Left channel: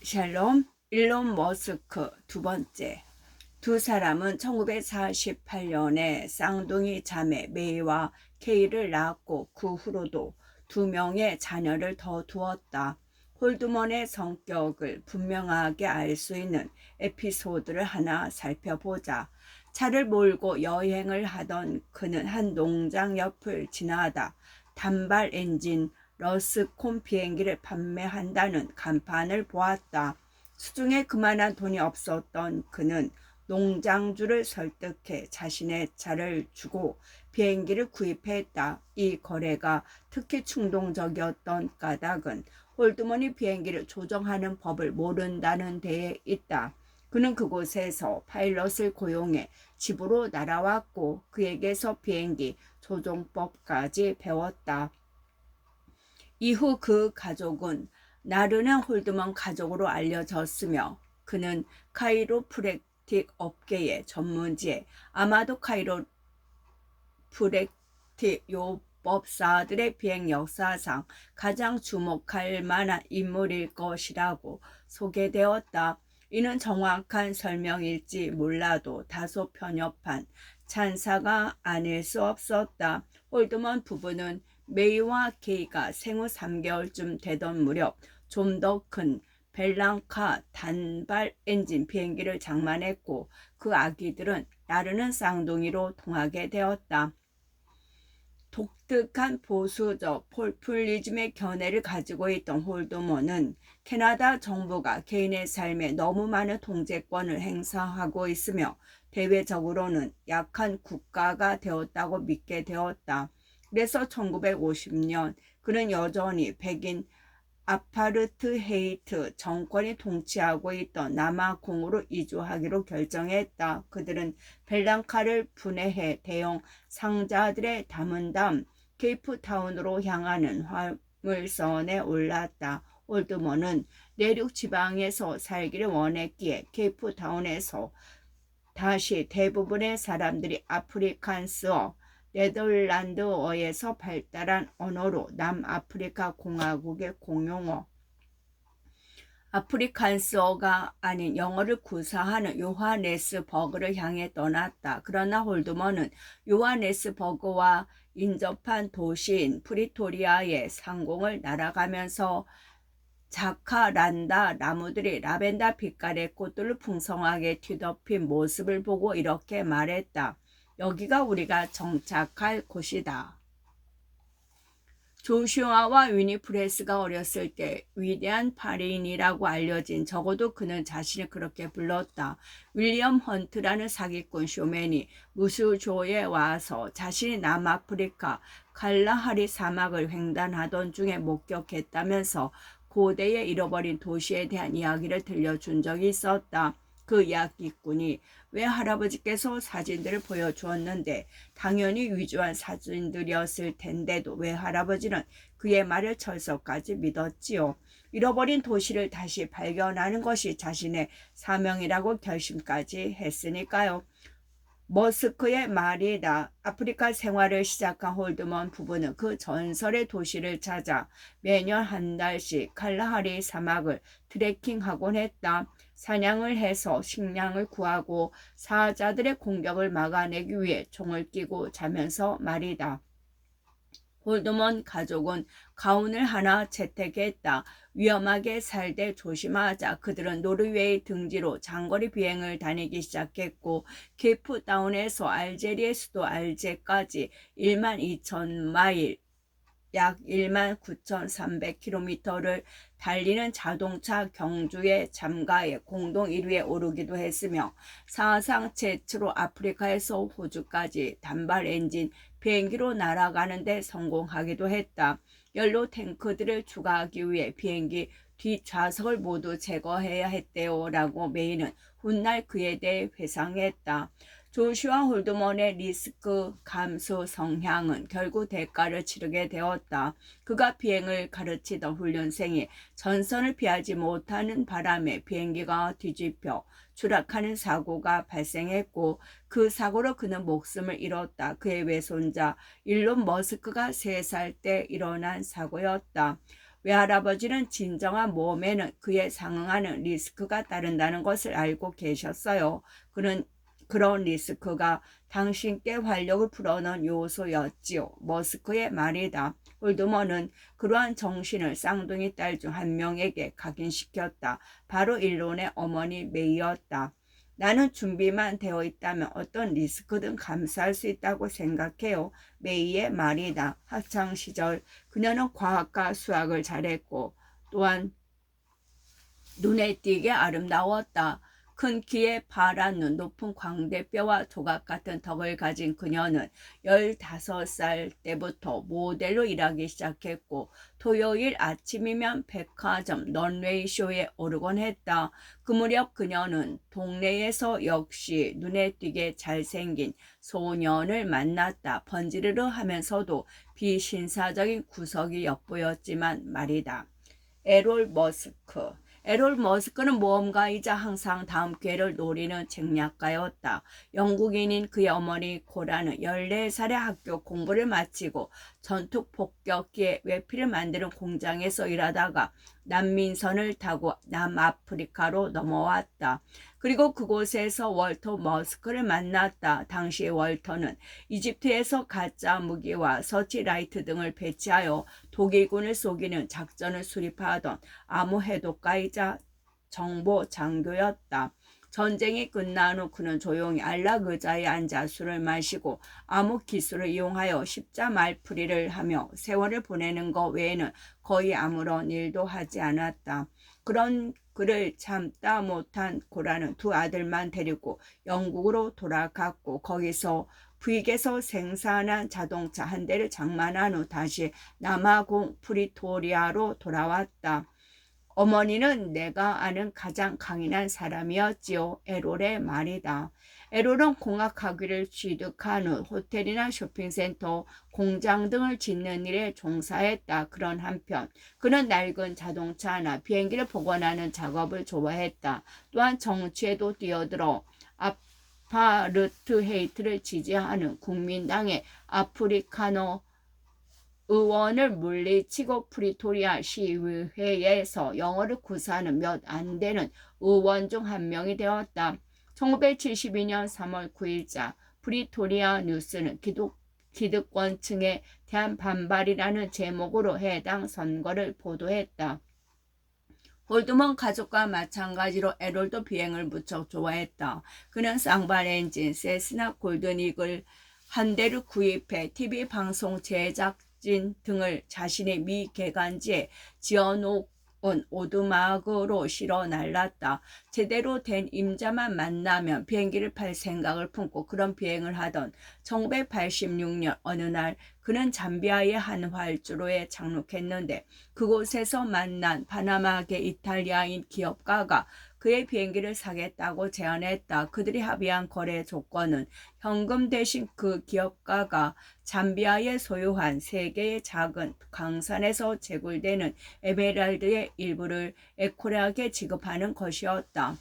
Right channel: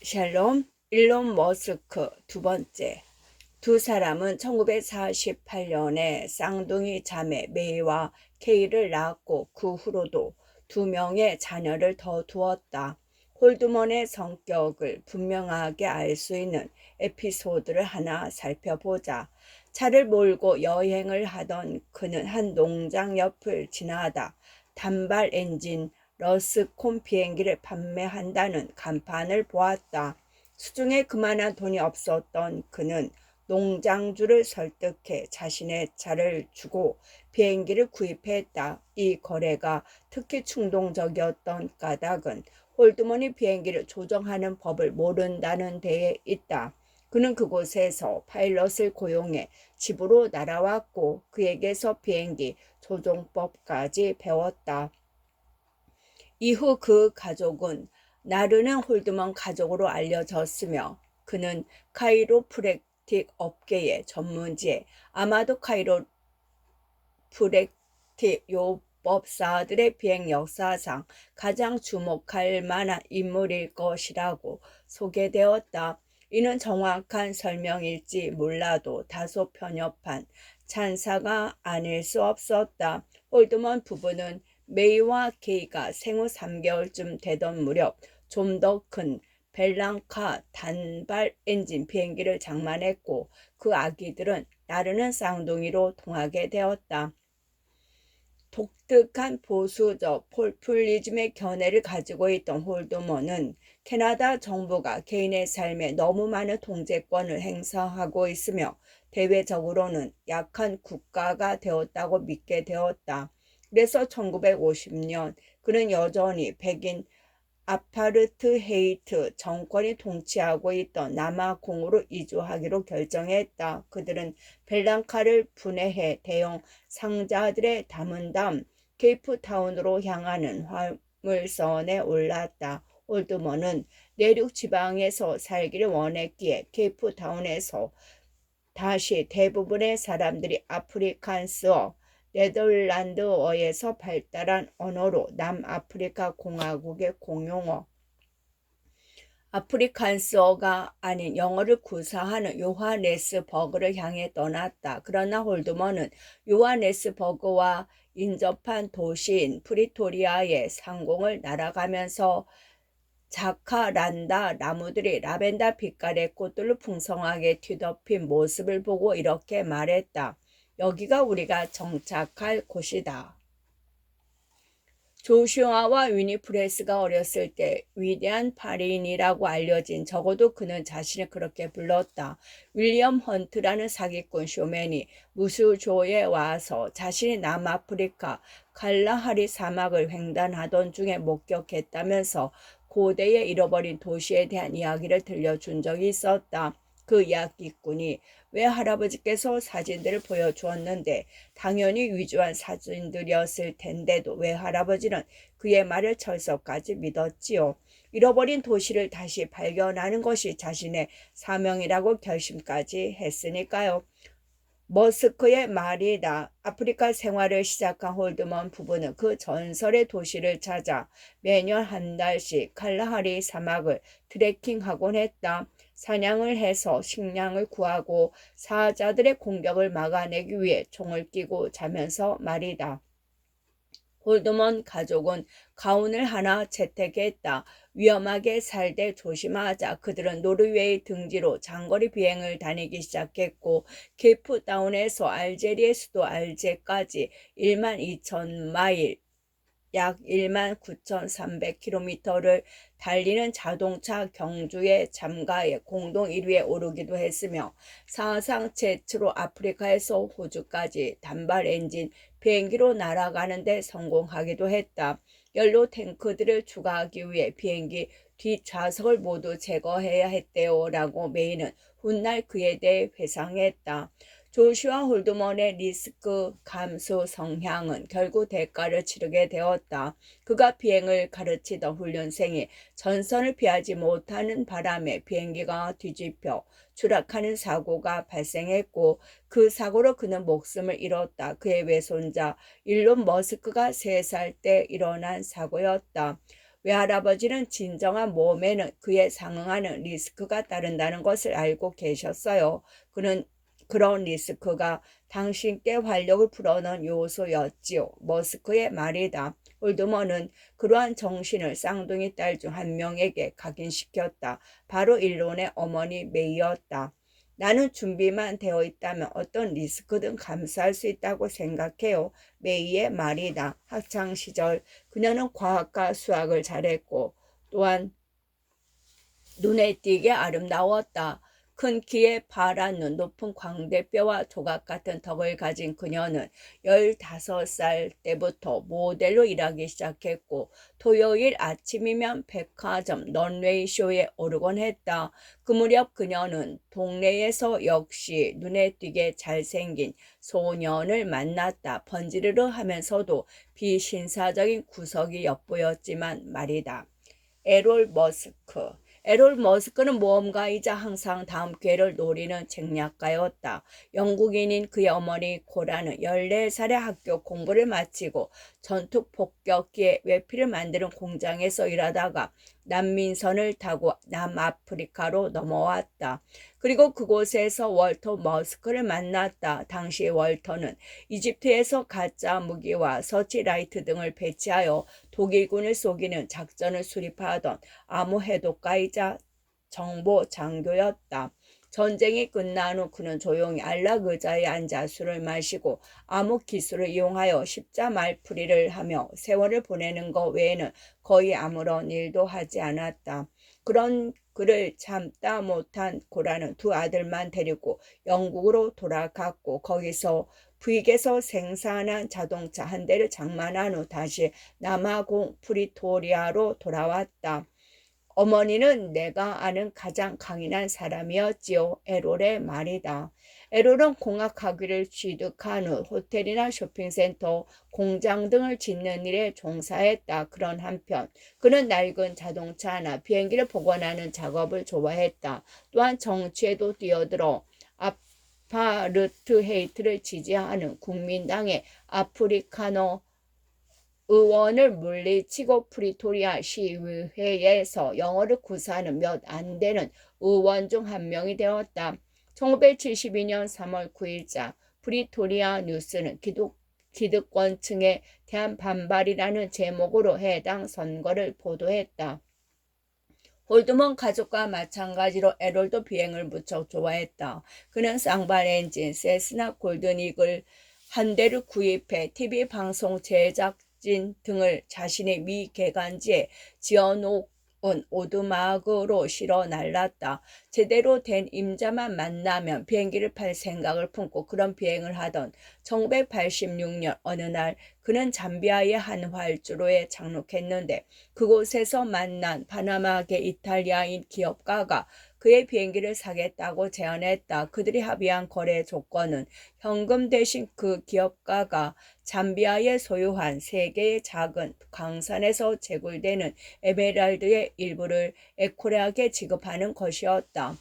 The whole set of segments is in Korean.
샬롬, 일론 머스크 두 번째. 두 사람은 1948년에 쌍둥이 자매 메이와 케이를 낳았고 그 후로도 두 명의 자녀를 더 두었다. 홀드먼의 성격을 분명하게 알 수 있는 에피소드를 하나 살펴보자. 차를 몰고 여행을 하던 그는 한 농장 옆을 지나다 단발 엔진 러스콘 비행기를 판매한다는 간판을 보았다. 수중에 그만한 돈이 없었던 그는 농장주를 설득해 자신의 차를 주고 비행기를 구입했다. 이 거래가 특히 충동적이었던 까닭은 홀드먼이 비행기를 조정하는 법을 모른다는 데에 있다. 그는 그곳에서 파일럿을 고용해 집으로 날아왔고 그에게서 비행기 조종법까지 배웠다. 이후 그 가족은 나르는 홀드먼 가족으로 알려졌으며 그는 카이로프랙틱 업계의 전문지에 아마도 카이로프랙틱 요법사들의 비행 역사상 가장 주목할 만한 인물일 것이라고 소개되었다. 이는 정확한 설명일지 몰라도 다소 편협한 찬사가 아닐 수 없었다. 홀드먼 부부는 메이와 케이가 생후 3개월쯤 되던 무렵 좀 더 큰 벨랑카 단발 엔진 비행기를 장만했고 그 아기들은 나르는 쌍둥이로 통하게 되었다. 독특한 보수적 포퓰리즘의 견해를 가지고 있던 홀드먼은 캐나다 정부가 개인의 삶에 너무 많은 통제권을 행사하고 있으며 대외적으로는 약한 국가가 되었다고 믿게 되었다. 그래서 1950년 그는 여전히 백인 아파르트헤이트 정권이 통치하고 있던 남아공으로 이주하기로 결정했다. 그들은 벨랑카를 분해해 대형 상자들에 담은 다음 케이프타운으로 향하는 화물선에 올랐다. 올드먼은 내륙 지방에서 살기를 원했기에 케이프타운에서 다시 대부분의 사람들이 아프리칸스어, 네덜란드어에서 발달한 언어로 남아프리카 공화국의 공용어, 아프리칸스어가 아닌 영어를 구사하는 요하네스버그를 향해 떠났다. 그러나 홀드먼은 요하네스버그와 인접한 도시인 프리토리아의 상공을 날아가면서 자카란다 나무들이 라벤더 빛깔의 꽃들로 풍성하게 뒤덮인 모습을 보고 이렇게 말했다. 여기가 우리가 정착할 곳이다. 조슈아와 위니프레스가 어렸을 때 위대한 파리인이라고 알려진, 적어도 그는 자신을 그렇게 불렀다. 윌리엄 헌트라는 사기꾼 쇼맨이 무수조에 와서 자신이 남아프리카 칼라하리 사막을 횡단하던 중에 목격했다면서 고대의 잃어버린 도시에 대한 이야기를 들려준 적이 있었다. 그 이야기꾼이 왜 할아버지께서 사진들을 보여주었는데 당연히 위조한 사진들이었을 텐데도 왜 할아버지는 그의 말을 철석까지 믿었지요. 잃어버린 도시를 다시 발견하는 것이 자신의 사명이라고 결심까지 했으니까요. 머스크의 말이다. 아프리카 생활을 시작한 홀드먼 부부는 그 전설의 도시를 찾아 매년 한 달씩 칼라하리 사막을 트레킹하곤 했다. 사냥을 해서 식량을 구하고 사자들의 공격을 막아내기 위해 총을 끼고 자면서 말이다. 홀드먼 가족은 가훈을 하나 채택했다. 위험하게 살되 조심하자. 그들은 노르웨이 등지로 장거리 비행을 다니기 시작했고 케이프타운에서 알제리의 수도 알제까지 12,000마일 약 19,300km를 달리는 자동차 경주에 참가해 공동 1위에 오르기도 했으며 사상 최초로 아프리카에서 호주까지 단발 엔진 비행기로 날아가는 데 성공하기도 했다. 연료 탱크들을 추가하기 위해 비행기 뒷좌석을 모두 제거해야 했대요 라고 메이는 훗날 그에 대해 회상했다. 조슈아 홀드먼의 리스크 감수 성향은 결국 대가를 치르게 되었다. 그가 비행을 가르치던 훈련생이 전선을 피하지 못하는 바람에 비행기가 뒤집혀 추락하는 사고가 발생했고 그 사고로 그는 목숨을 잃었다. 그의 외손자 일론 머스크가 3살 때 일어난 사고였다. 외할아버지는 진정한 모험에는 그에 상응하는 리스크가 따른다는 것을 알고 계셨어요. 그런 리스크가 당신께 활력을 불어넣은 요소였지요. 머스크의 말이다. 홀드먼은 그러한 정신을 쌍둥이 딸 중 한 명에게 각인시켰다. 바로 일론의 어머니 메이였다. 나는 준비만 되어 있다면 어떤 리스크든 감수할 수 있다고 생각해요. 메이의 말이다. 학창시절 그녀는 과학과 수학을 잘했고 또한 눈에 띄게 아름다웠다. 큰 키에 파란 눈, 높은 광대뼈와 조각 같은 턱을 가진 그녀는 15살 때부터 모델로 일하기 시작했고 토요일 아침이면 백화점 런웨이 쇼에 오르곤 했다. 그 무렵 그녀는 동네에서 역시 눈에 띄게 잘생긴 소년을 만났다. 번지르르 하면서도 비신사적인 구석이 엿보였지만 말이다. 에롤 머스크. 에롤 머스크는 모험가이자 항상 다음 기회를 노리는 책략가였다. 영국인인 그의 어머니 코라는 14살에 학교 공부를 마치고 전투 폭격기에 외피를 만드는 공장에서 일하다가 난민선을 타고 남아프리카로 넘어왔다. 그리고 그곳에서 월터 머스크를 만났다. 당시 월터는 이집트에서 가짜 무기와 서치라이트 등을 배치하여 독일군을 속이는 작전을 수립하던 암호해독가이자 정보 장교였다. 전쟁이 끝난 후 그는 조용히 안락 의자에 앉아 술을 마시고 암호 기술을 이용하여 십자 말풀이를 하며 세월을 보내는 것 외에는 거의 아무런 일도 하지 않았다. 그런 그를 참다 못한 고라는 두 아들만 데리고 영국으로 돌아갔고 거기서 부익에서 생산한 자동차 한 대를 장만한 후 다시 남아공 프리토리아로 돌아왔다. 어머니는 내가 아는 가장 강인한 사람이었지요. 에롤의 말이다. 에롤은 공학학위를 취득한 후 호텔이나 쇼핑센터, 공장 등을 짓는 일에 종사했다. 그런 한편 그는 낡은 자동차나 비행기를 복원하는 작업을 좋아했다. 또한 정치에도 뛰어들어 아파르트헤이트를 지지하는 국민당의 아프리카노 의원을 물리치고 프리토리아 시의회에서 영어를 구사하는 몇 안 되는 의원 중 한 명이 되었다. 1972년 3월 9일자 프리토리아 뉴스는 기득권층에 대한 반발이라는 제목으로 해당 선거를 보도했다. 홀드먼 가족과 마찬가지로 에롤도 비행을 무척 좋아했다. 그는 쌍발 엔진 세스나 골든 이글 한 대를 구입해 TV 방송 제작진 등을 자신의 미개간지에 지어놓은 오두막으로 실어 날랐다. 제대로 된 임자만 만나면 비행기를 팔 생각을 품고 그런 비행을 하던 1986년 어느 날 그는 잠비아의 한 활주로에 착륙했는데 그곳에서 만난 파나마계 이탈리아인 기업가가 그의 비행기를 사겠다고 제안했다. 그들이 합의한 거래 조건은 현금 대신 그 기업가가 잠비아에 소유한 3개의 작은 광산에서 채굴되는 에메랄드의 일부를 에코락에 지급하는 것이었다.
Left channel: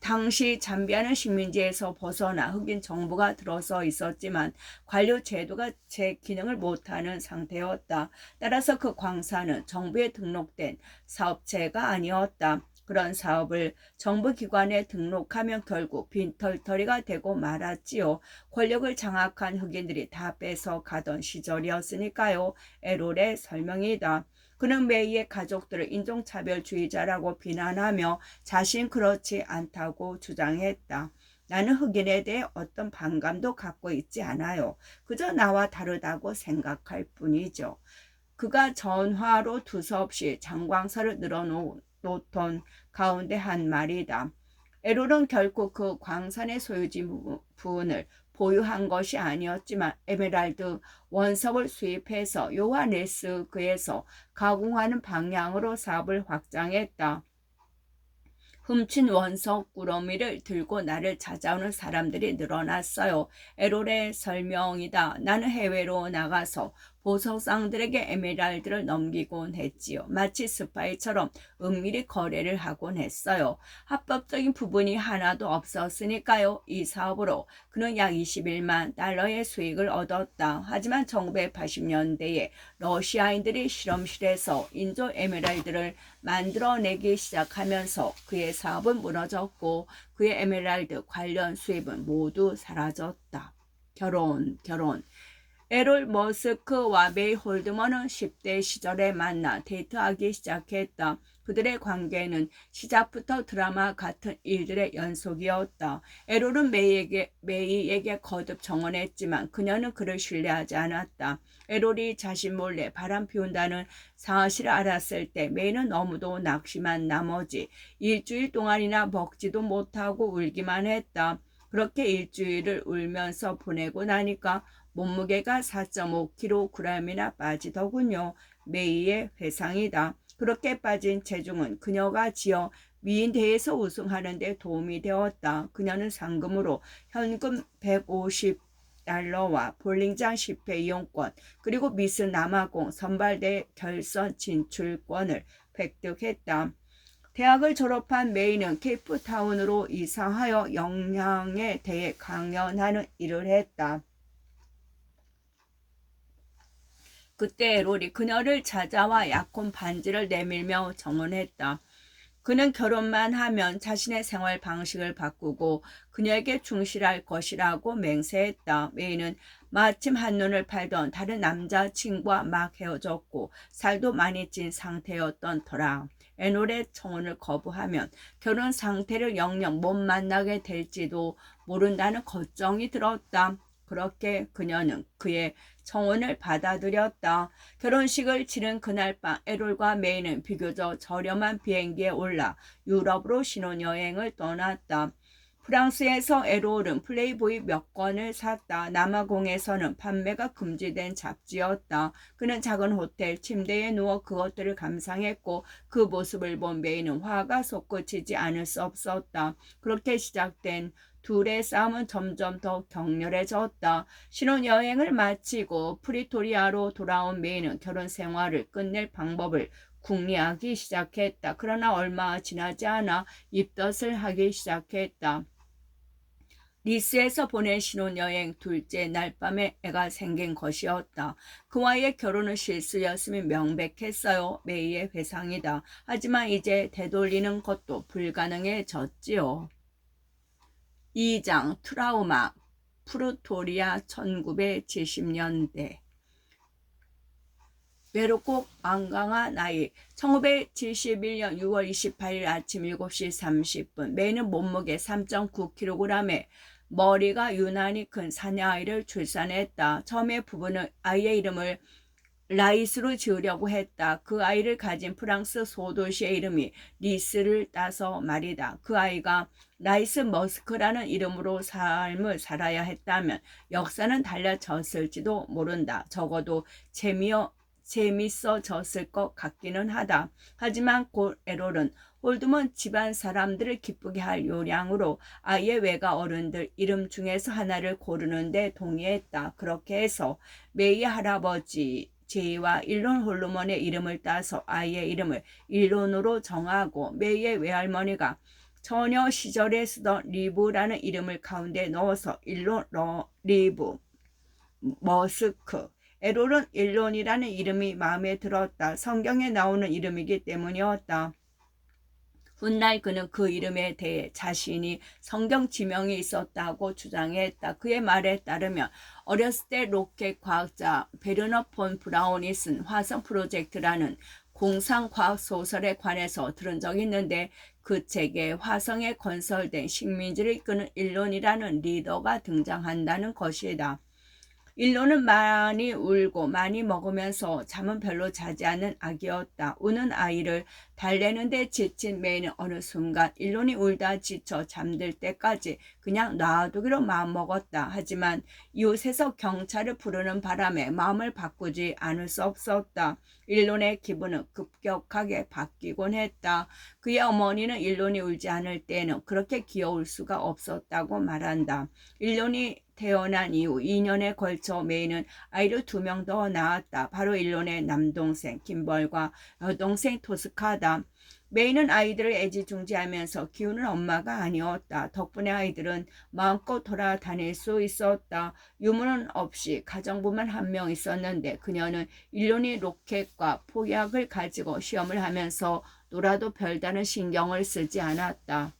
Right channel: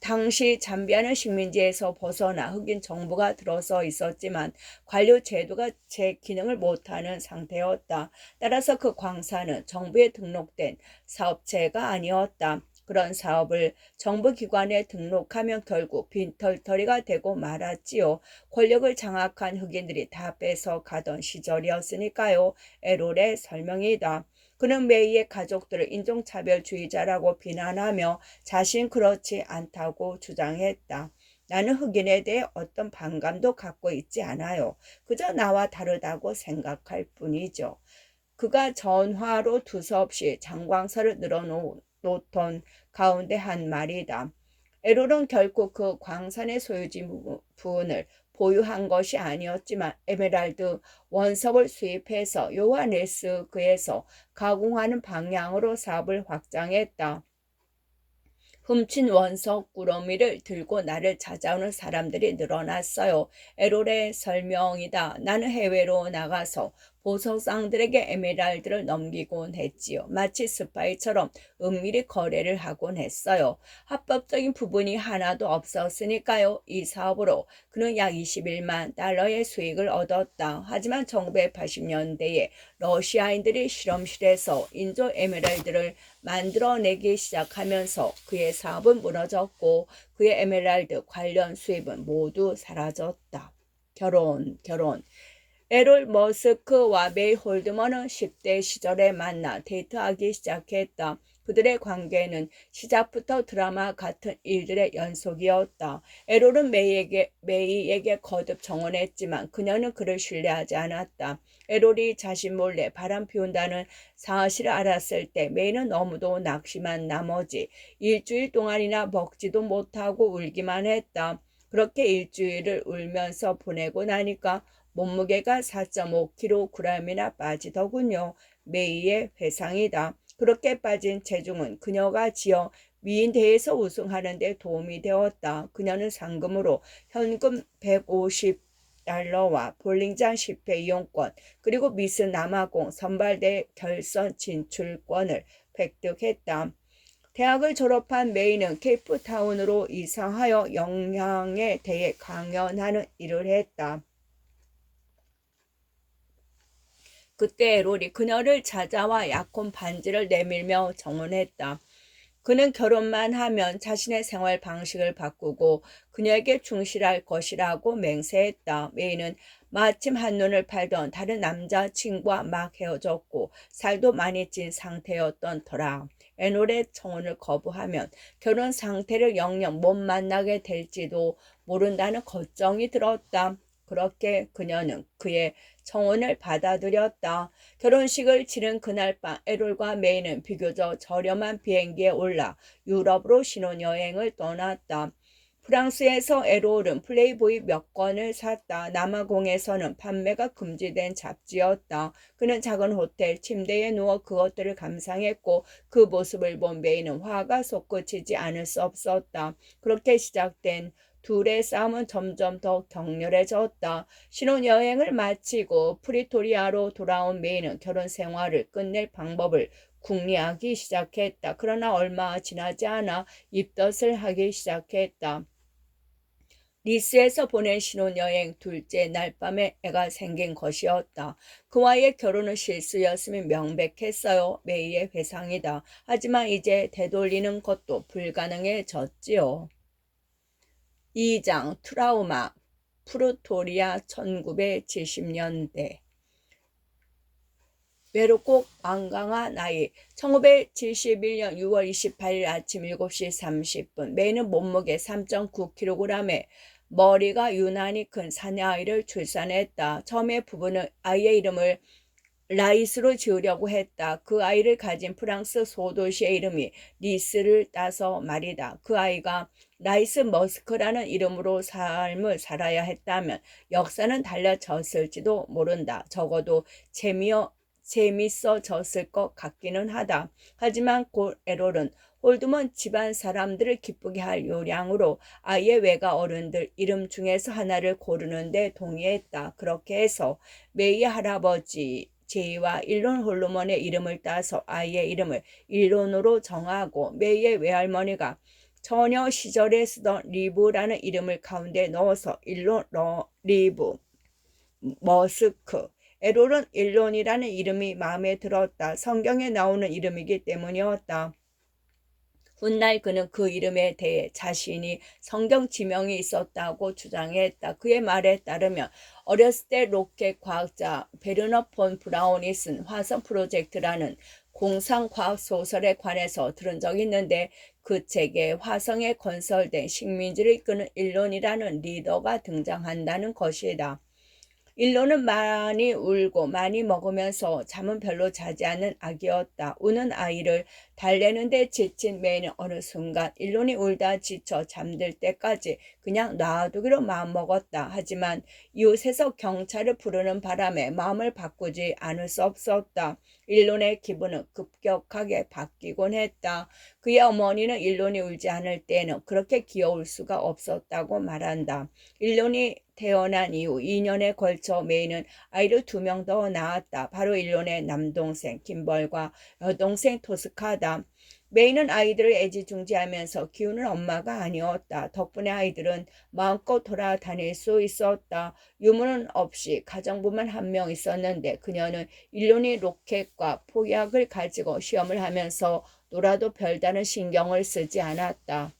당시 잠비아는 식민지에서 벗어나 흑인 정부가 들어서 있었지만 관료 제도가 제 기능을 못하는 상태였다. 따라서 그 광산은 정부에 등록된 사업체가 아니었다. 그런 사업을 정부기관에 등록하면 결국 빈털터리가 되고 말았지요. 권력을 장악한 흑인들이 다 뺏어가던 시절이었으니까요. 에롤의 설명이다. 그는 메이의 가족들을 인종차별주의자라고 비난하며 자신 그렇지 않다고 주장했다. 나는 흑인에 대해 어떤 반감도 갖고 있지 않아요. 그저 나와 다르다고 생각할 뿐이죠. 그가 전화로 두서없이 장광설을 늘어놓던 가운데 한 말이다. 에롤은 결코 그 광산의 소유지 부분을 보유한 것이 아니었지만 에메랄드 원석을 수입해서 요하네스크에서 가공하는 방향으로 사업을 확장했다. 훔친 원석 꾸러미를 들고 나를 찾아오는 사람들이 늘어났어요. 에롤의 설명이다. 나는 해외로 나가서 보석상들에게 에메랄드를 넘기곤 했지요. 마치 스파이처럼 은밀히 거래를 하곤 했어요. 합법적인 부분이 하나도 없었으니까요. 이 사업으로 그는 약 21만 달러의 수익을 얻었다. 하지만 1980년대에 러시아인들이 실험실에서 인조 에메랄드를 만들어내기 시작하면서 그의 사업은 무너졌고 그의 에메랄드 관련 수입은 모두 사라졌다. 결혼. 에롤 머스크와 메이 홀드먼은 10대 시절에 만나 데이트하기 시작했다. 그들의 관계는 시작부터 드라마 같은 일들의 연속이었다. 에롤은 메이에게 거듭 정언했지만 그녀는 그를 신뢰하지 않았다. 에롤이 자신 몰래 바람 피운다는 사실을 알았을 때 메이는 너무도 낙심한 나머지 일주일 동안이나 먹지도 못하고 울기만 했다. 그렇게 일주일을 울면서 보내고 나니까 몸무게가 4.5kg이나 빠지더군요. 메이의 회상이다. 그렇게 빠진 체중은 그녀가 지어 미인 대회에서 우승하는 데 도움이 되었다. 그녀는 상금으로 현금 150달러와 볼링장 10회 이용권 그리고 미스 남아공 선발대 결선 진출권을 획득했다. 대학을 졸업한 메이는 케이프타운으로 이사하여 영양에 대해 강연하는 일을 했다. 그때 에롤이 그녀를 찾아와 약혼 반지를 내밀며 정언했다. 그는 결혼만 하면 자신의 생활 방식을 바꾸고 그녀에게 충실할 것이라고 맹세했다. 메이는 마침 한눈을 팔던 다른 남자친구와 막 헤어졌고 살도 많이 찐 상태였던 터라. 에롤의 청혼을 거부하면 결혼 상태를 영영 못 만나게 될지도 모른다는 걱정이 들었다. 그렇게 그녀는 그의 청혼을 받아들였다. 결혼식을 치른 그날 밤 에롤과 메이는 비교적 저렴한 비행기에 올라 유럽으로 신혼여행을 떠났다. 프랑스에서 에롤은 플레이보이 몇 권을 샀다. 남아공에서는 판매가 금지된 잡지였다. 그는 작은 호텔 침대에 누워 그것들을 감상했고 그 모습을 본 메이는 화가 솟구치지 않을 수 없었다. 그렇게 시작된 둘의 싸움은 점점 더 격렬해졌다. 신혼여행을 마치고 프리토리아로 돌아온 메이는 결혼 생활을 끝낼 방법을 궁리하기 시작했다. 그러나 얼마 지나지 않아 입덧을 하기 시작했다. 니스에서 보낸 신혼여행 둘째 날 밤에 애가 생긴 것이었다. 그와의 결혼은 실수였음이 명백했어요. 메이의 회상이다. 하지만 이제 되돌리는 것도 불가능해졌지요. 2장 트라우마 프루토리아 1970년대 외롭고 완강한 아이 1971년 6월 28일 아침 7시 30분 메이는 몸무게 3.9kg에 머리가 유난히 큰 사내아이를 출산했다. 처음에 부부는 아이의 이름을 라이스로 지으려고 했다. 그 아이를 가진 프랑스 소도시의 이름이 니스를 따서 말이다. 그 아이가 라이스 머스크라는 이름으로 삶을 살아야 했다면 역사는 달라졌을지도 모른다. 적어도 재밌어졌을 것 같기는 하다. 하지만 곧 에롤은 홀드먼 집안 사람들을 기쁘게 할 요량으로 아이의 외가 어른들 이름 중에서 하나를 고르는 데 동의했다. 그렇게 해서 메이의 할아버지 제이와 일론 홀드먼의 이름을 따서 아이의 이름을 일론으로 정하고 메이의 외할머니가 처녀 시절에 쓰던 리브라는 이름을 가운데 넣어서 일론 리브 머스크 에롤은 일론이라는 이름이 마음에 들었다. 성경에 나오는 이름이기 때문이었다. 훗날 그는 그 이름에 대해 자신이 성경 지명이 있었다고 주장했다. 그의 말에 따르면 어렸을 때 로켓 과학자 베르너 폰 브라운이 쓴 화성 프로젝트라는 공상과학 소설에 관해서 들은 적이 있는데 그 책에 화성에 건설된 식민지를 이끄는 일론이라는 리더가 등장한다는 것이다. 일론은 많이 울고 많이 먹으면서 잠은 별로 자지 않는 아기였다. 우는 아이를 달래는데 지친 메이는 어느 순간 일론이 울다 지쳐 잠들 때까지 그냥 놔두기로 마음먹었다. 하지만 이웃에서 경찰을 부르는 바람에 마음을 바꾸지 않을 수 없었다. 일론의 기분은 급격하게 바뀌곤 했다. 그의 어머니는 일론이 울지 않을 때에는 그렇게 귀여울 수가 없었다고 말한다. 일론이 태어난 이후 2년에 걸쳐 메이는 아이를 2명 더 낳았다. 바로 일론의 남동생 김벌과 여동생 토스카다. 메이는 아이들을 애지중지하면서 키우는 엄마가 아니었다. 덕분에 아이들은 마음껏 돌아다닐 수 있었다. 유무는 없이 가정부만 한 명 있었는데 그녀는 일론이 로켓과 폭약을 가지고 시험을 하면서 놀아도 별다른 신경을 쓰지 않았다.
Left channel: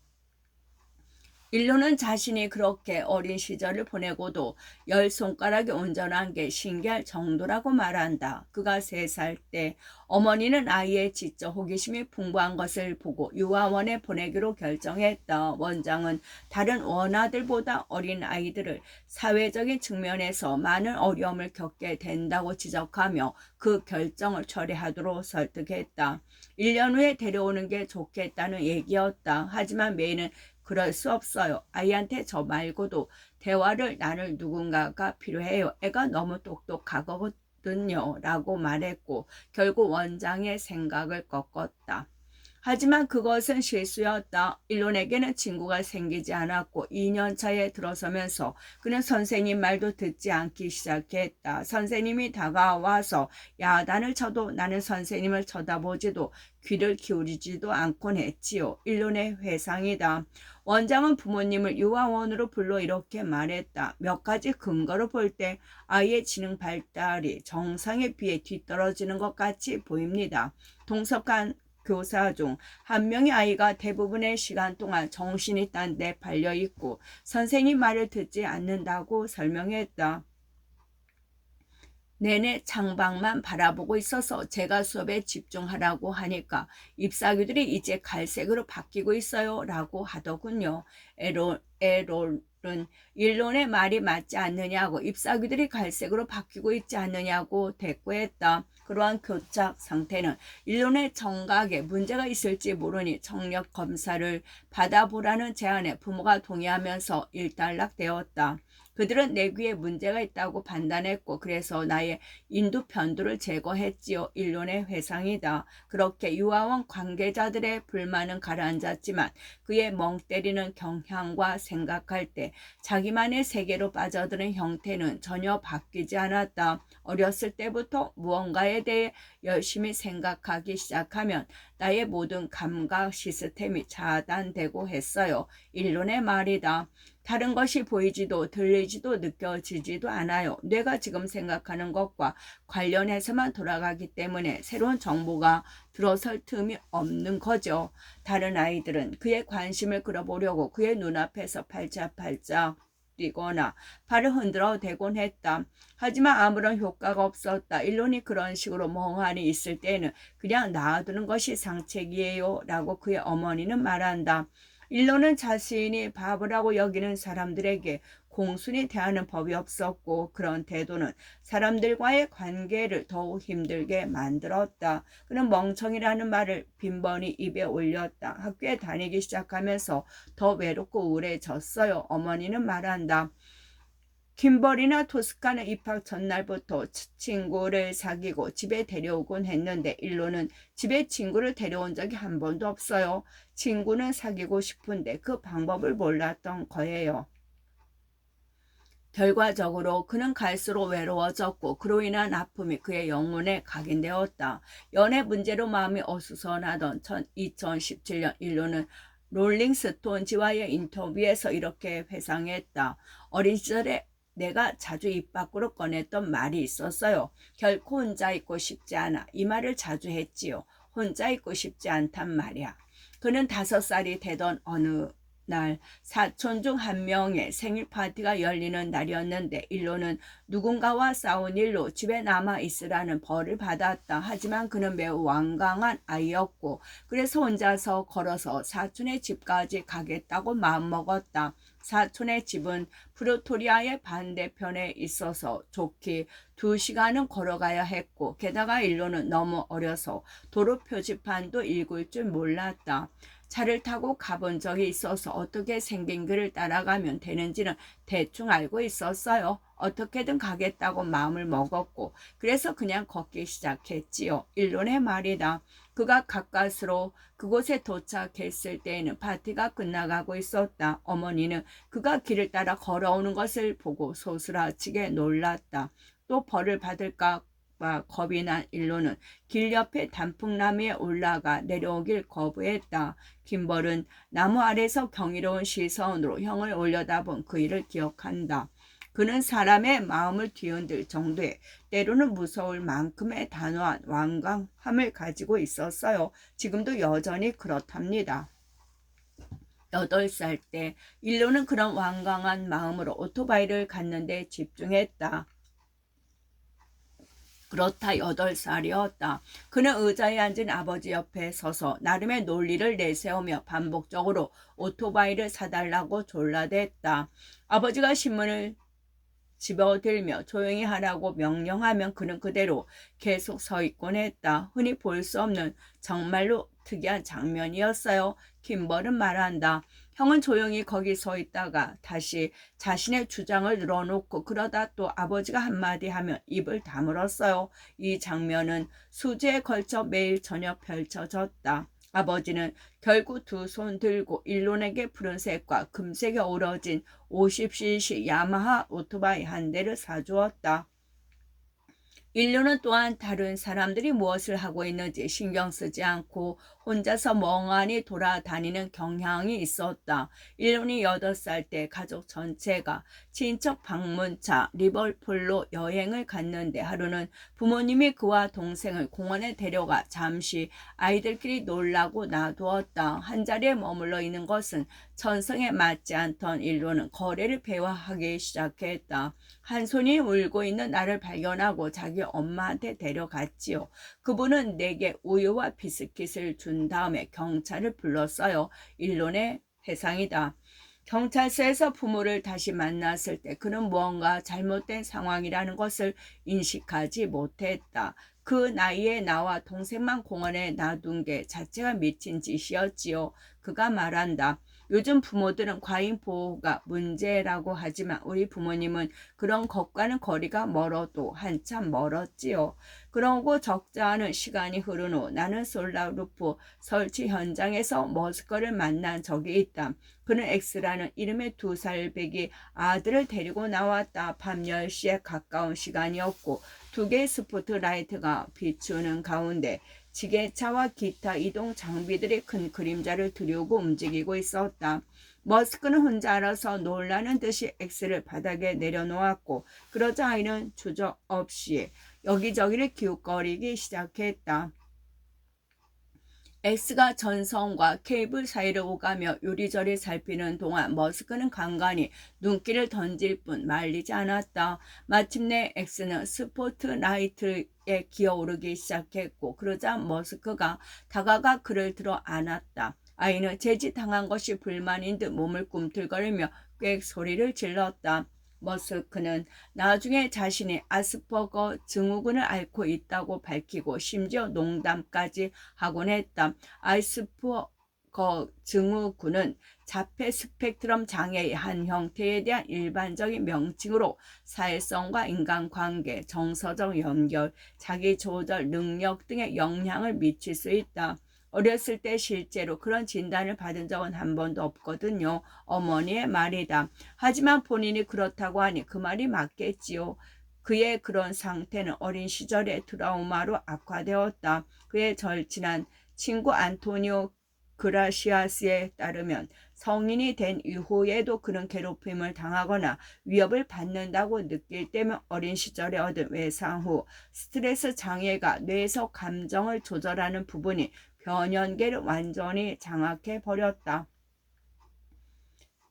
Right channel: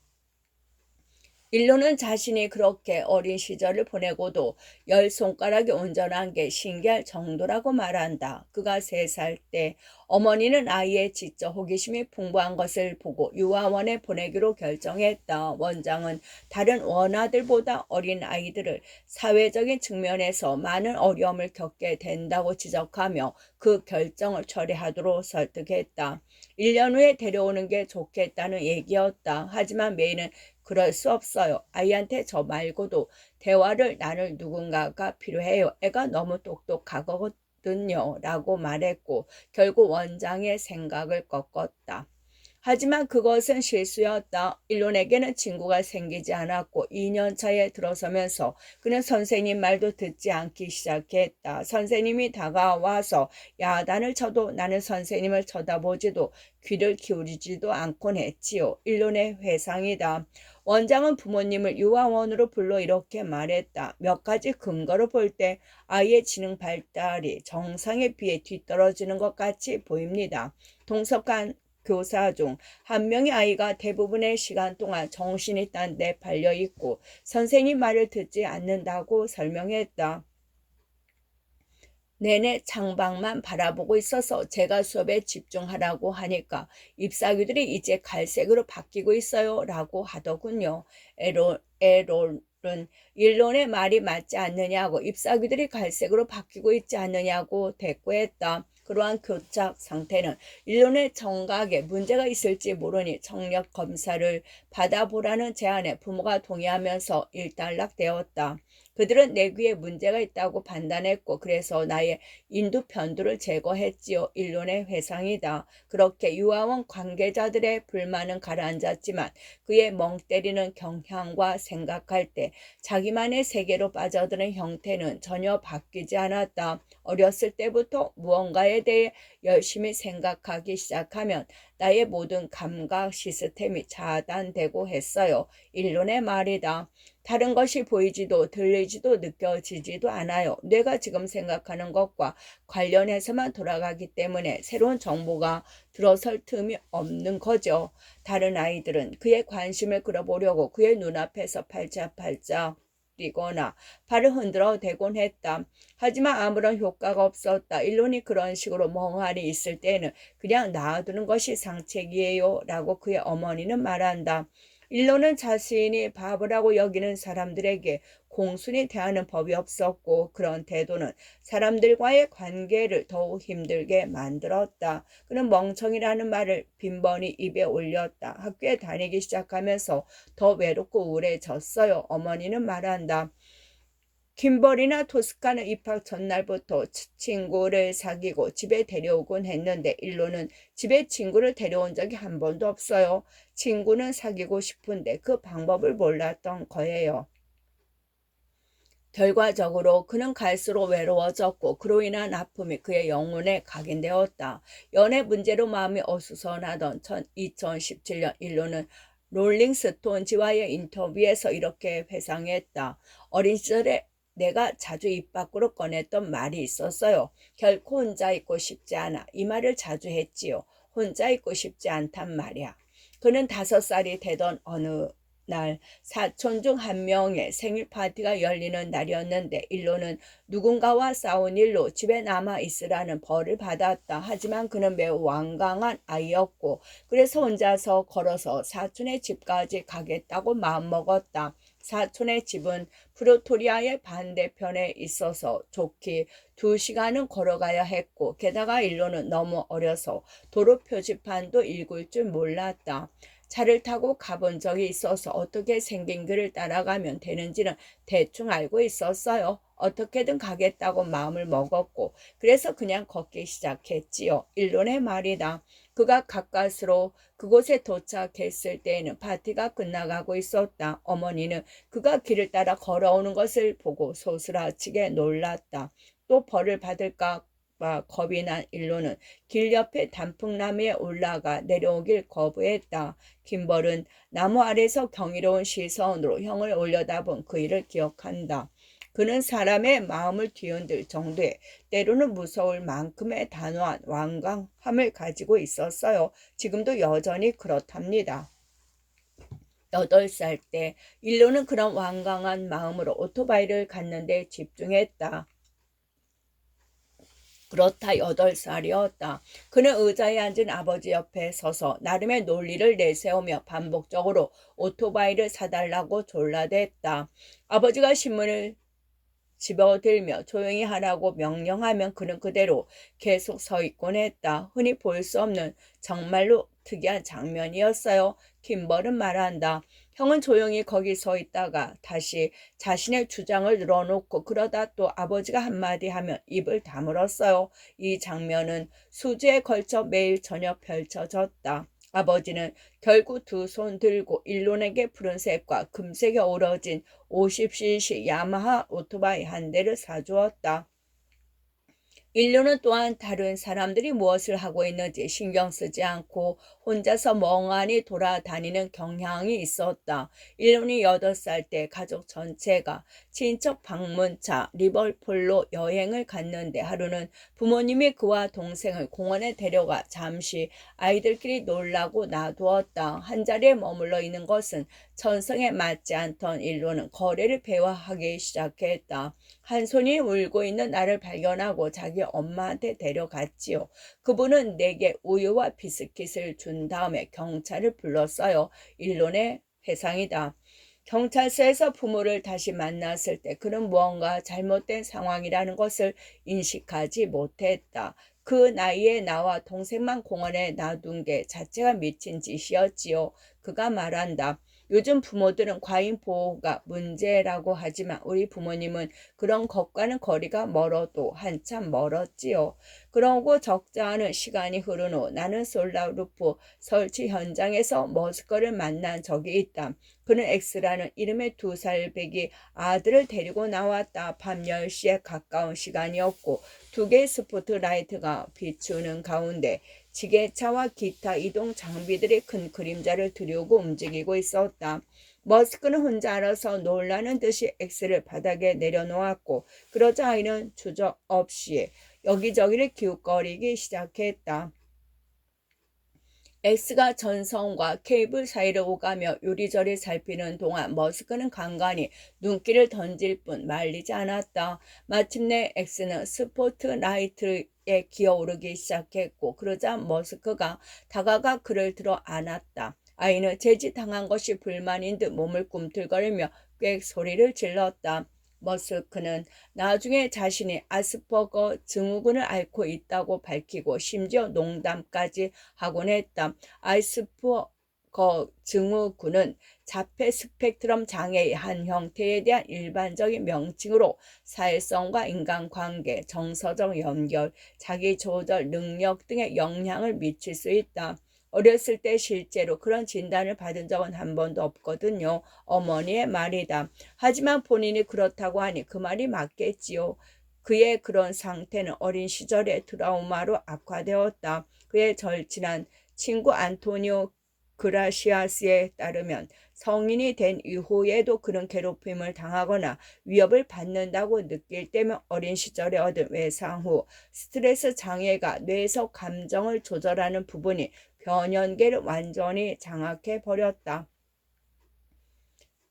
일론은 자신이 그렇게 어린 시절을 보내고도 10손가락이 온전한 게 신기할 정도라고 말한다. 그가 3살 때 어머니는 아이의 지적 호기심이 풍부한 것을 보고 유아원에 보내기로 결정했다. 원장은 다른 원아들보다 어린 아이들을 사회적인 측면에서 많은 어려움을 겪게 된다고 지적하며 그 결정을 철회하도록 설득했다. 1년 후에 데려오는 게 좋겠다는 얘기였다. 하지만 메이는 그럴 수 없어요. 아이한테 저 말고도 대화를 나눌 누군가가 필요해요. 애가 너무 똑똑하거든요. 라고 말했고 결국 원장의 생각을 꺾었다. 하지만 그것은 실수였다. 일론에게는 친구가 생기지 않았고 2년 차에 들어서면서 그는 선생님 말도 듣지 않기 시작했다. 선생님이 다가와서 야단을 쳐도 나는 선생님을 쳐다보지도 귀를 기울이지도 않곤 했지요. 일론의 회상이다. 원장은 부모님을 유아원으로 불러 이렇게 말했다. 몇 가지 근거로 볼 때 아이의 지능 발달이 정상에 비해 뒤떨어지는 것 같이 보입니다. 동석한 교사 중 한 명의 아이가 대부분의 시간 동안 정신이 딴 데 발려 있고 선생님 말을 듣지 않는다고 설명했다. 내내 창밖만 바라보고 있어서 제가 수업에 집중하라고 하니까 잎사귀들이 이제 갈색으로 바뀌고 있어요 라고 하더군요. 에롤은 일론의 말이 맞지 않느냐고 잎사귀들이 갈색으로 바뀌고 있지 않느냐고 대꾸했다. 그러한 교착 상태는 일론의 청각에 문제가 있을지 모르니 청력 검사를 받아보라는 제안에 부모가 동의하면서 일단락되었다. 그들은 내 귀에 문제가 있다고 판단했고 그래서 나의 인두 편두를 제거했지요. 일론의 회상이다. 그렇게 유아원 관계자들의 불만은 가라앉았지만 그의 멍 때리는 경향과 생각할 때 자기만의 세계로 빠져드는 형태는 전혀 바뀌지 않았다. 어렸을 때부터 무언가에 대해 열심히 생각하기 시작하면 나의 모든 감각 시스템이 차단되고 했어요. 일론의 말이다. 다른 것이 보이지도 들리지도 느껴지지도 않아요. 뇌가 지금 생각하는 것과 관련해서만 돌아가기 때문에 새로운 정보가 들어설 틈이 없는 거죠. 다른 아이들은 그의 관심을 끌어보려고 그의 눈앞에서 팔짝팔짝 뛰거나 발을 흔들어 대곤 했다. 하지만 아무런 효과가 없었다. 일론이 그런 식으로 멍하니 있을 때는 그냥 놔두는 것이 상책이에요 라고 그의 어머니는 말한다. 일론은 자신이 바보라고 여기는 사람들에게 공순히 대하는 법이 없었고 그런 태도는 사람들과의 관계를 더욱 힘들게 만들었다. 그는 멍청이라는 말을 빈번히 입에 올렸다. 학교에 다니기 시작하면서 더 외롭고 우울해졌어요. 어머니는 말한다. 김벌이나 토스카는 입학 전날부터 친구를 사귀고 집에 데려오곤 했는데 일론은 집에 친구를 데려온 적이 한 번도 없어요. 친구는 사귀고 싶은데 그 방법을 몰랐던 거예요. 결과적으로 그는 갈수록 외로워졌고 그로 인한 아픔이 그의 영혼에 각인되었다. 연애 문제로 마음이 어수선하던 2017년 일론은 롤링스톤지와의 인터뷰에서 이렇게 회상했다. 어린 시절에 내가 자주 입 밖으로 꺼냈던 말이 있었어요. 결코 혼자 있고 싶지 않아. 이 말을 자주 했지요. 혼자 있고 싶지 않단 말이야. 그는 5살이 되던 어느 날 사촌 중 한 명의 생일 파티가 열리는 날이었는데 일론은 누군가와 싸운 일로 집에 남아 있으라는 벌을 받았다. 하지만 그는 매우 완강한 아이였고 그래서 혼자서 걸어서 사촌의 집까지 가겠다고 마음먹었다. 사촌의 집은 프로토리아의 반대편에 있어서 좋게 2시간은 걸어가야 했고 게다가 일론은 너무 어려서 도로 표지판도 읽을 줄 몰랐다. 차를 타고 가본 적이 있어서 어떻게 생긴 길을 따라가면 되는지는 대충 알고 있었어요. 어떻게든 가겠다고 마음을 먹었고 그래서 그냥 걷기 시작했지요. 일론의 말이다. 그가 가까스로 그곳에 도착했을 때에는 파티가 끝나가고 있었다. 어머니는 그가 길을 따라 걸어오는 것을 보고 소스라치게 놀랐다. 또 벌을 받을까 봐 겁이 난 일론은 길 옆에 단풍나무에 올라가 내려오길 거부했다. 김벌은 나무 아래서 경이로운 시선으로 형을 올려다본 그 일을 기억한다. 그는 사람의 마음을 뒤흔들 정도의 때로는 무서울 만큼의 단호한 완강함을 가지고 있었어요. 지금도 여전히 그렇답니다. 8살 때 일로는 그런 완강한 마음으로 오토바이를 갖는데 집중했다. 그렇다 8살이었다. 그는 의자에 앉은 아버지 옆에 서서 나름의 논리를 내세우며 반복적으로 오토바이를 사달라고 졸라댔다. 아버지가 신문을 집어들며 조용히 하라고 명령하면 그는 그대로 계속 서 있곤 했다. 흔히 볼 수 없는 정말로 특이한 장면이었어요. 김벌은 말한다. 형은 조용히 거기 서 있다가 다시 자신의 주장을 늘어놓고 그러다 또 아버지가 한마디 하면 입을 다물었어요. 이 장면은 수주에 걸쳐 매일 저녁 펼쳐졌다. 아버지는 결국 두 손 들고 일론에게 푸른색과 금색에 어우러진 50cc 야마하 오토바이 한 대를 사주었다. 인류는 또한 다른 사람들이 무엇을 하고 있는지 신경 쓰지 않고 혼자서 멍하니 돌아다니는 경향이 있었다. 인류이 8살 때 가족 전체가 친척 방문차 리버풀로 여행을 갔는데 하루는 부모님이 그와 동생을 공원에 데려가 잠시 아이들끼리 놀라고 놔두었다. 한자리에 머물러 있는 것은 천성에 맞지 않던 인류는 거래를 배워하기 시작했다. 한 손이 울고 있는 나를 발견하고 자기 엄마한테 데려갔지요. 그분은 내게 우유와 비스킷을 준 다음에 경찰을 불렀어요. 일론의 회상이다. 경찰서에서 부모를 다시 만났을 때 그는 무언가 잘못된 상황이라는 것을 인식하지 못했다. 그 나이에 나와 동생만 공원에 놔둔 게 자체가 미친 짓이었지요. 그가 말한다. 요즘 부모들은 과잉 보호가 문제라고 하지만 우리 부모님은 그런 것과는 거리가 멀어도 한참 멀었지요. 그러고 적지 않은 시간이 흐른 후 나는 솔라루프 설치 현장에서 머스커를 만난 적이 있다. 그는 X라는 이름의 2살 배기 아들을 데리고 나왔다. 밤 10시에 가까운 시간이었고 2개의 스포트라이트가 비추는 가운데 지게차와 기타 이동 장비들이 큰 그림자를 들이우고 움직이고 있었다. 머스크는 혼자 알아서 놀라는 듯이 X를 바닥에 내려놓았고 그러자 아이는 주저없이 여기저기를 기웃거리기 시작했다. X가 전선과 케이블 사이를 오가며 요리조리 살피는 동안 머스크는 간간히 눈길을 던질 뿐 말리지 않았다. 마침내 X는 스포트라이트에 기어오르기 시작했고 그러자 머스크가 다가가 그를 들어 안았다. 아이는 제지당한 것이 불만인 듯 몸을 꿈틀거리며 꽥 소리를 질렀다. 머스크는 나중에 자신이 아스퍼거 증후군을 앓고 있다고 밝히고 심지어 농담까지 하곤 했다. 아스퍼거 증후군은 자폐 스펙트럼 장애의 한 형태에 대한 일반적인 명칭으로 사회성과 인간관계, 정서적 연결, 자기조절 능력 등에 영향을 미칠 수 있다. 어렸을 때 실제로 그런 진단을 받은 적은 한 번도 없거든요. 어머니의 말이다. 하지만 본인이 그렇다고 하니 그 말이 맞겠지요. 그의 그런 상태는 어린 시절의 트라우마로 악화되었다. 그의 절친한 친구 안토니오 그라시아스에 따르면 성인이 된 이후에도 그런 괴롭힘을 당하거나 위협을 받는다고 느낄 때면 어린 시절에 얻은 외상 후 스트레스 장애가 뇌에서 감정을 조절하는 부분이 변연계를 완전히 장악해 버렸다.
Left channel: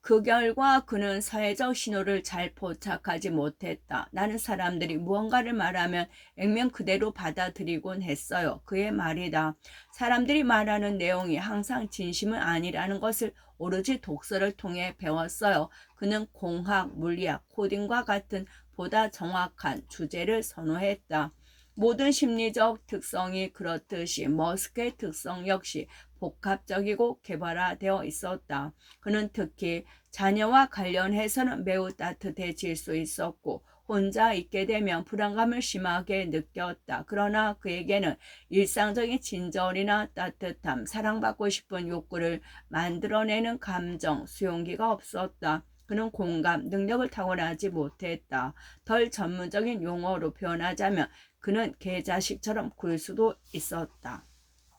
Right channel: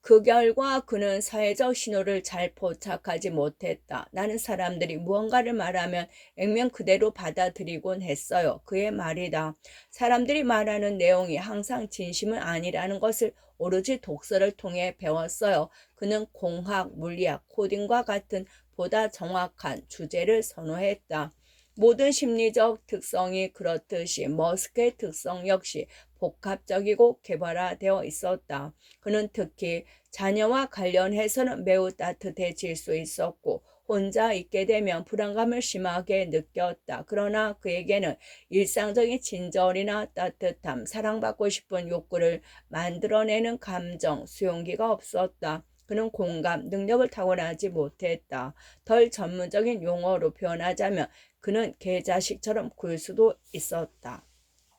그 결과 그는 사회적 신호를 잘 포착하지 못했다. 나는 사람들이 무언가를 말하면 액면 그대로 받아들이곤 했어요. 그의 말이다. 사람들이 말하는 내용이 항상 진심은 아니라는 것을 오로지 독서를 통해 배웠어요. 그는 공학, 물리학, 코딩과 같은 보다 정확한 주제를 선호했다. 모든 심리적 특성이 그렇듯이 머스크의 특성 역시 복합적이고 개발화되어 있었다. 그는 특히 자녀와 관련해서는 매우 따뜻해질 수 있었고 혼자 있게 되면 불안감을 심하게 느꼈다. 그러나 그에게는 일상적인 친절이나 따뜻함, 사랑받고 싶은 욕구를 만들어내는 감정, 수용기가 없었다. 그는 공감, 능력을 타고나지 못했다. 덜 전문적인 용어로 표현하자면 그는 개자식처럼 굴 수도 있었다.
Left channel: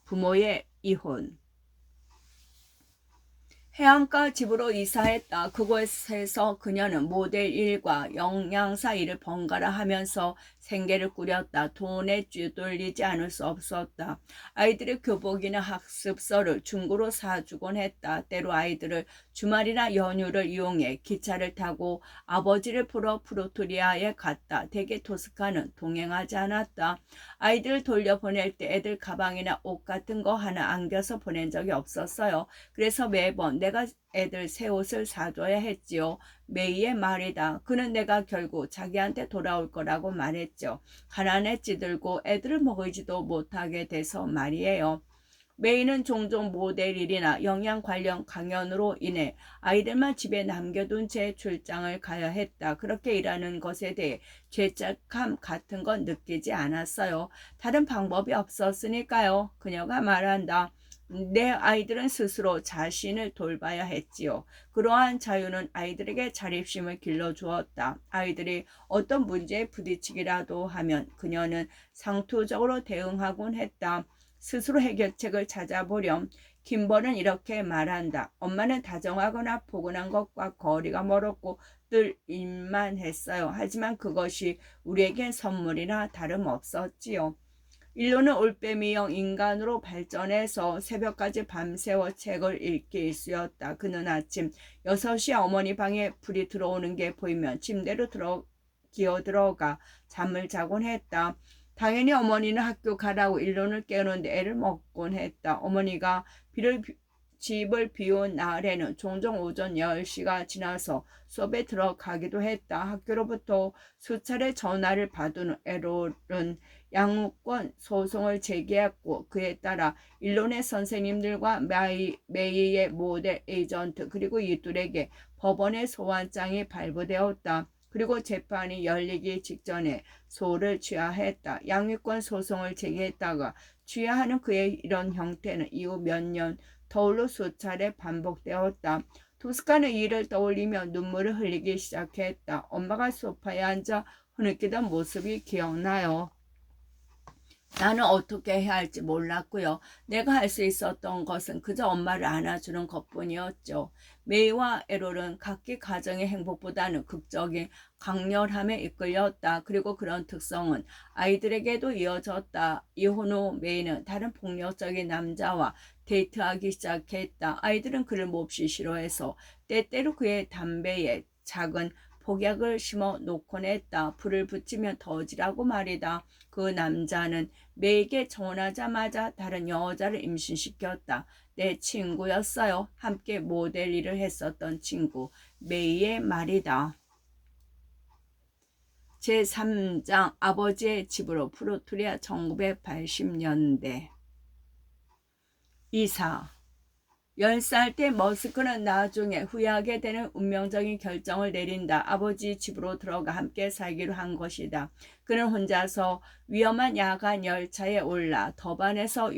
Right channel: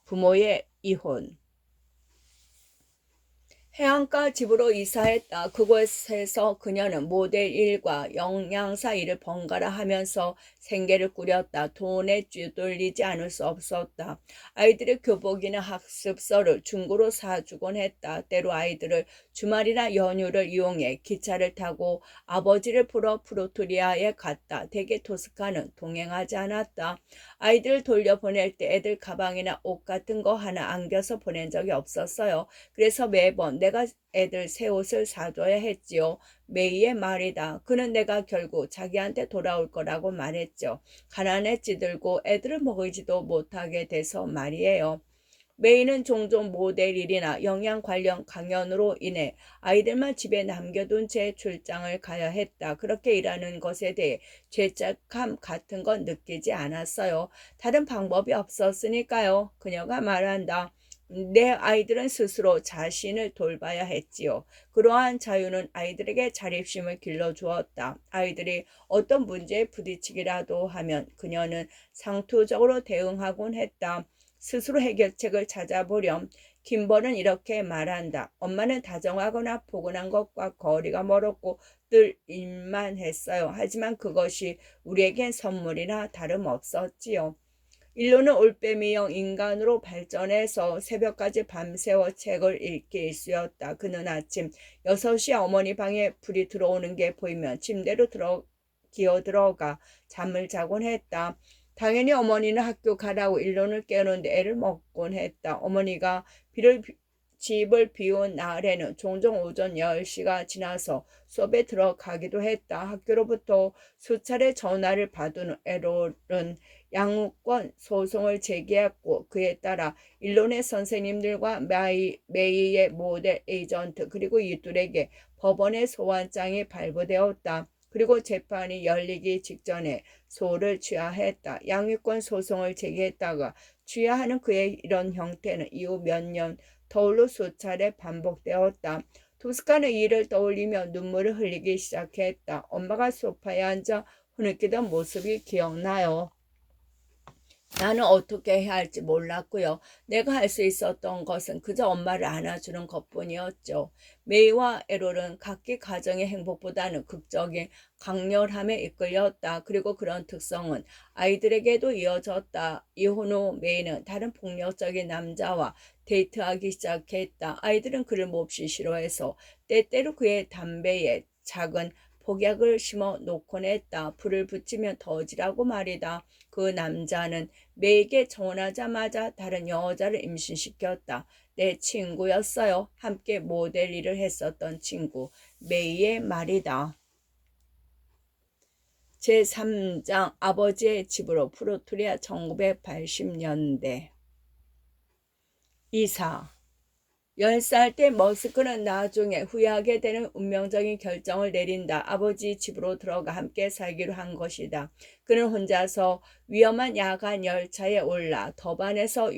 부모의 이혼. 해안가 집으로 이사했다. 그곳에서 그녀는 모델 일과 영양사 일을 번갈아 하면서 생계를 꾸렸다. 돈에 쥐돌리지 않을 수 없었다. 아이들의 교복이나 학습서를 중고로 사주곤 했다. 때로 아이들을 주말이나 연휴를 이용해 기차를 타고 아버지를 보러 프로토리아에 갔다. 대개 토스카는 동행하지 않았다. 아이들을 돌려보낼 때 애들 가방이나 옷 같은 거 하나 안겨서 보낸 적이 없었어요. 그래서 매번 내가 애들 새 옷을 사줘야 했지요. 메이의 말이다. 그는 내가 결국 자기한테 돌아올 거라고 말했죠. 가난에 찌들고 애들을 먹이지도 못하게 돼서 말이에요. 메이는 종종 모델 일이나 영양 관련 강연으로 인해 아이들만 집에 남겨둔 채 출장을 가야 했다. 그렇게 일하는 것에 대해 죄책감 같은 건 느끼지 않았어요. 다른 방법이 없었으니까요. 그녀가 말한다. 내 아이들은 스스로 자신을 돌봐야 했지요. 그러한 자유는 아이들에게 자립심을 길러주었다. 아이들이 어떤 문제에 부딪히기라도 하면 그녀는 상투적으로 대응하곤 했다. 스스로 해결책을 찾아보렴. 김벌은 이렇게 말한다. 엄마는 다정하거나 포근한 것과 거리가 멀었고 늘 일만 했어요. 하지만 그것이 우리에겐 선물이나 다름없었지요. 일로는 올빼미형 인간으로 발전해서 새벽까지 밤새워 책을 읽기 일쑤였다. 그는 아침 6시에 어머니 방에 불이 들어오는 게 보이면 침대로 기어들어가 잠을 자곤 했다. 당연히 어머니는 학교 가라고 일론을 깨우는데 애를 먹곤 했다. 어머니가 집을 비운 날에는 종종 오전 10시가 지나서 수업에 들어가기도 했다. 학교로부터 수차례 전화를 받은 에롤은 양육권 소송을 제기했고 그에 따라 일론의 선생님들과 메이의 모델 에이전트 그리고 이들에게 법원의 소환장이 발부되었다. 그리고 재판이 열리기 직전에 소를 취하했다. 양육권 소송을 제기했다가 취하하는 그의 이런 형태는 이후 몇 년 더울로 수차례 반복되었다. 토스카는 이 일을 떠올리며 눈물을 흘리기 시작했다. 엄마가 소파에 앉아 흐느끼던 모습이 기억나요. 나는 어떻게 해야 할지 몰랐고요. 내가 할 수 있었던 것은 그저 엄마를 안아주는 것뿐이었죠. 메이와 에롤은 각기 가정의 행복보다는 극적인 강렬함에 이끌렸다. 그리고 그런 특성은 아이들에게도 이어졌다. 이혼 후 메이는 다른 폭력적인 남자와 데이트하기 시작했다. 아이들은 그를 몹시 싫어해서 때때로 그의 담배에 작은 폭약을 심어 놓곤 했다. 불을 붙이면 터지라고 말이다. 그 남자는 메이에게 전화하자마자 다른 여자를 임신시켰다. 내 친구였어요. 함께 모델 일을 했었던 친구. 메이의 말이다. 제3장 아버지의 집으로 프로토리아 1980년대 이사 10살 때 머스크는 나중에 후회하게 되는 운명적인 결정을 내린다. 아버지 집으로 들어가 함께 살기로 한 것이다. 그는 혼자서 위험한 야간 열차에 올라 더반에서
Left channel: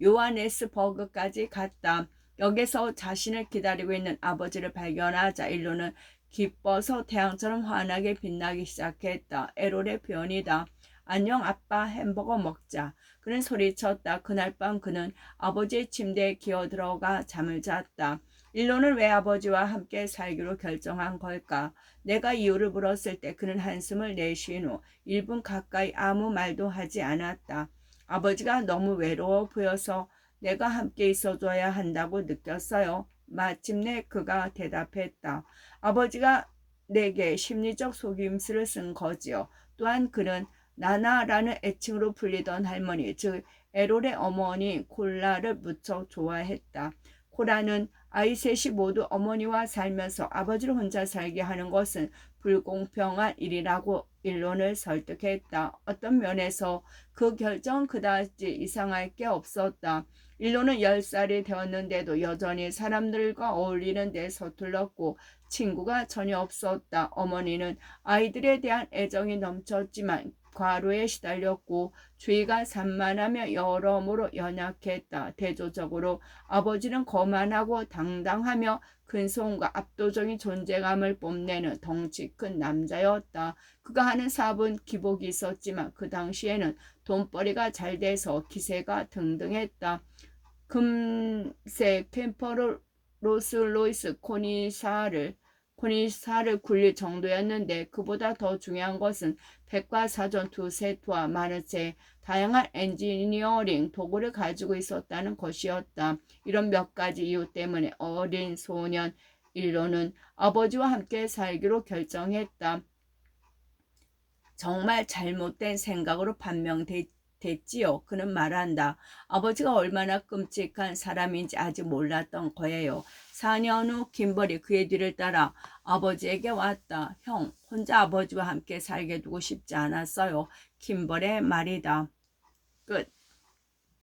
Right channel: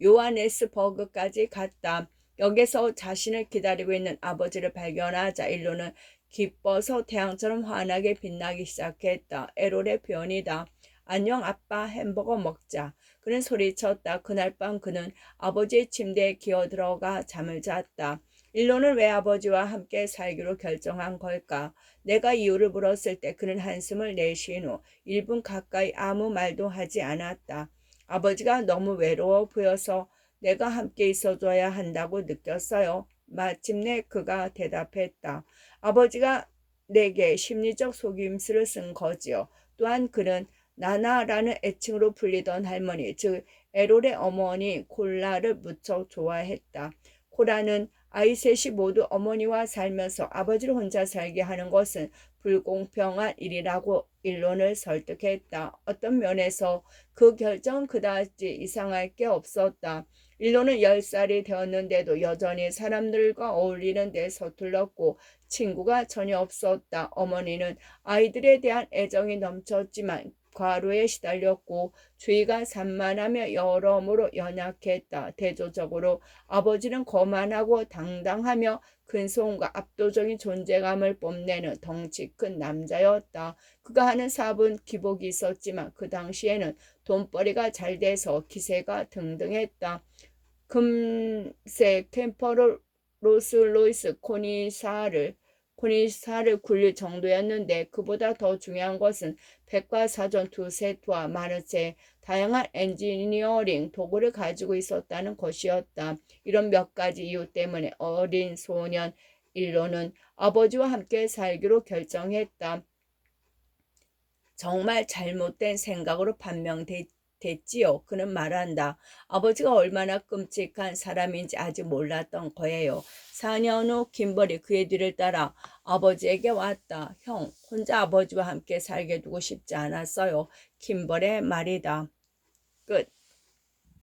요하네스버그까지 갔다. 여기서 자신을 기다리고 있는 아버지를 발견하자 일로는 기뻐서 태양처럼 환하게 빛나기 시작했다. 에롤의 표현이다. 안녕 아빠, 햄버거 먹자. 그는 소리쳤다. 그날 밤 그는 아버지의 침대에 기어들어가 잠을 잤다. 일로는 왜 아버지와 함께 살기로 결정한 걸까? 내가 이유를 물었을 때 그는 한숨을 내쉰 후 1분 가까이 아무 말도 하지 않았다. 아버지가 너무 외로워 보여서 내가 함께 있어줘야 한다고 느꼈어요. 마침내 그가 대답했다. 아버지가 내게 심리적 속임수를 쓴 거지요. 또한 그는 나나라는 애칭으로 불리던 할머니, 즉 에롤의 어머니 콜라를 무척 좋아했다. 콜라는 아이 셋이 모두 어머니와 살면서 아버지를 혼자 살게 하는 것은 불공평한 일이라고 일론을 설득했다. 어떤 면에서 그 결정은 그다지 이상할 게 없었다. 일로는 10살이 되었는데도 여전히 사람들과 어울리는 데 서툴렀고 친구가 전혀 없었다. 어머니는 아이들에 대한 애정이 넘쳤지만 과로에 시달렸고 주의가 산만하며 여러모로 연약했다. 대조적으로 아버지는 거만하고 당당하며 근소음과 압도적인 존재감을 뽐내는 덩치 큰 남자였다. 그가 하는 사업은 기복이 있었지만 그 당시에는 돈벌이가 잘 돼서 기세가 등등했다. 금세 캠퍼로 로스로이스 코니사를 굴릴 정도였는데 그보다 더 중요한 것은 백과사전 2세트와 많은 제 다양한 엔지니어링 도구를 가지고 있었다는 것이었다. 이런 몇 가지 이유 때문에 어린 소년 일로는 아버지와 함께 살기로 결정했다. 정말 잘못된 생각으로 판명됐지요. 그는 말한다. 아버지가 얼마나 끔찍한 사람인지 아직 몰랐던 거예요. 4년 후 김벌이 그의 뒤를 따라 아버지에게 왔다. 형, 혼자 아버지와 함께 살게 두고 싶지 않았어요. 김벌의 말이다. 끝.